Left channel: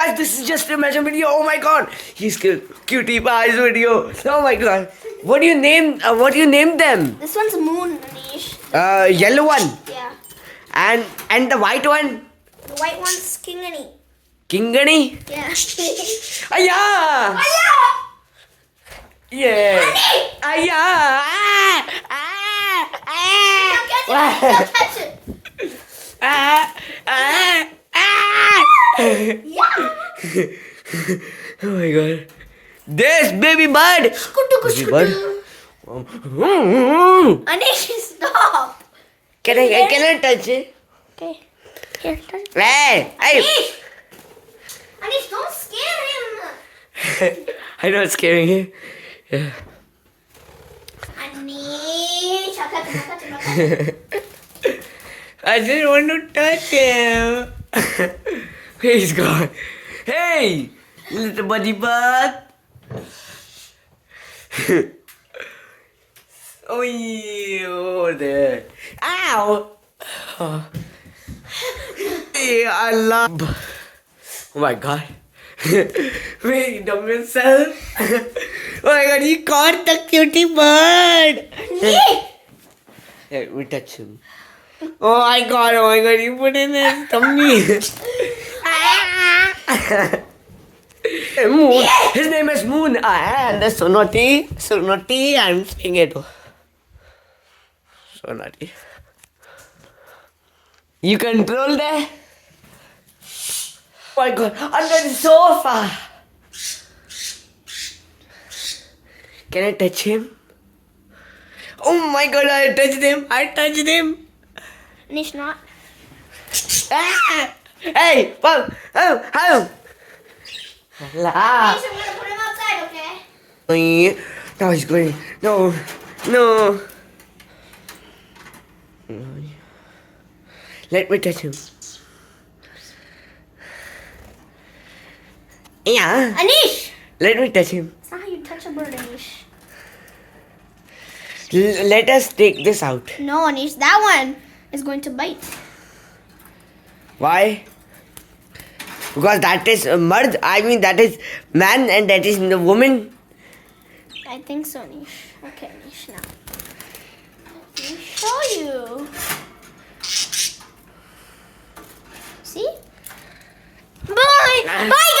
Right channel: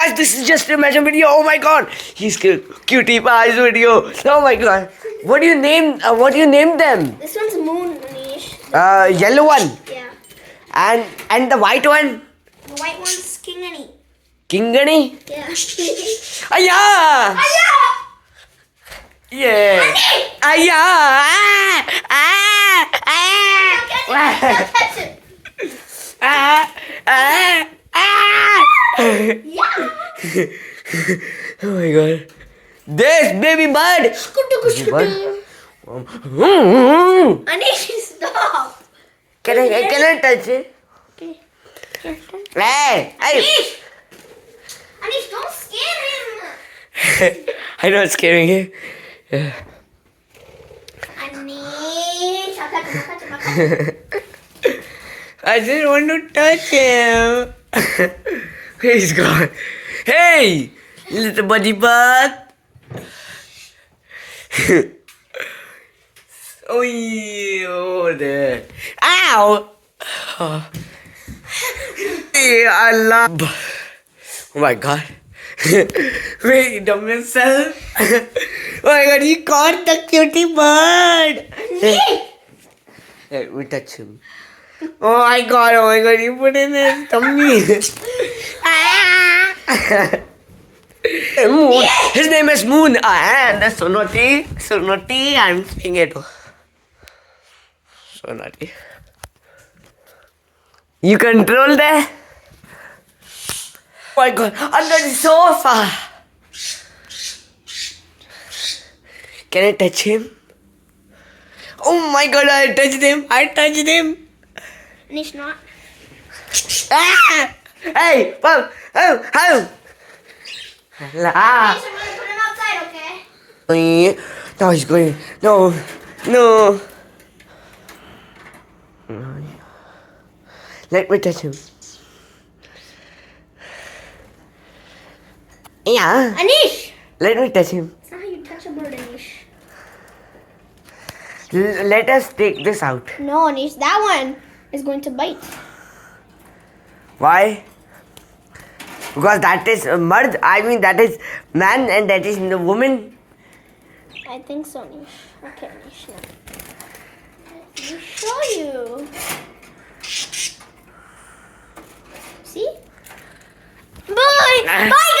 Guys, this is just a imagine video. Oh my god, he's cutie pies video. Oh my god, what do you name? What do you name them? This one's Moon, Manish. Yellow one. Yeah. And the white one. The white one's Kingani. Kingani. Yeah. Aya. Aya! Yeah. Aya. Don't touch it. Yeah. Oh my god. This baby bird. Baby bird. Anish, stop. Can I touch it? Okay. Here, touch. Hey. Anish! Anish, don't scare him. I know it's scaring you. Anish, I'll touch him, I'll touch him. I didn't want to touch him. He's gone. Hey, little buddy bud. Oh, yeah, there. Ow. Yeah, Allah. Oh my god. Wait, dumb yourself. Oh my god, he caught the cutie bird. Hey, we touch him. Oh my god, you put in his tummy. Moon. His name is Moon. And so naughty. I'm saying it. So naughty. You control that? Oh my god, under the sofa. Can I touch him? Oh my god, I touched him. Anish, not. Ah! Hey, Bob! Oh! La. Anish, I'm gonna put him outside, okay? No, he's going. No. Let me touch him. Yeah. Anish! Let me touch him. That's not how you touch a bird, Anish. Let us take this out. No, Anish, that one is going to bite. Why? Because that is mard. I mean, that is man and that is the woman. I think so, Anish. Okay, Anish, now. Let me show you. See? Bye! Bye,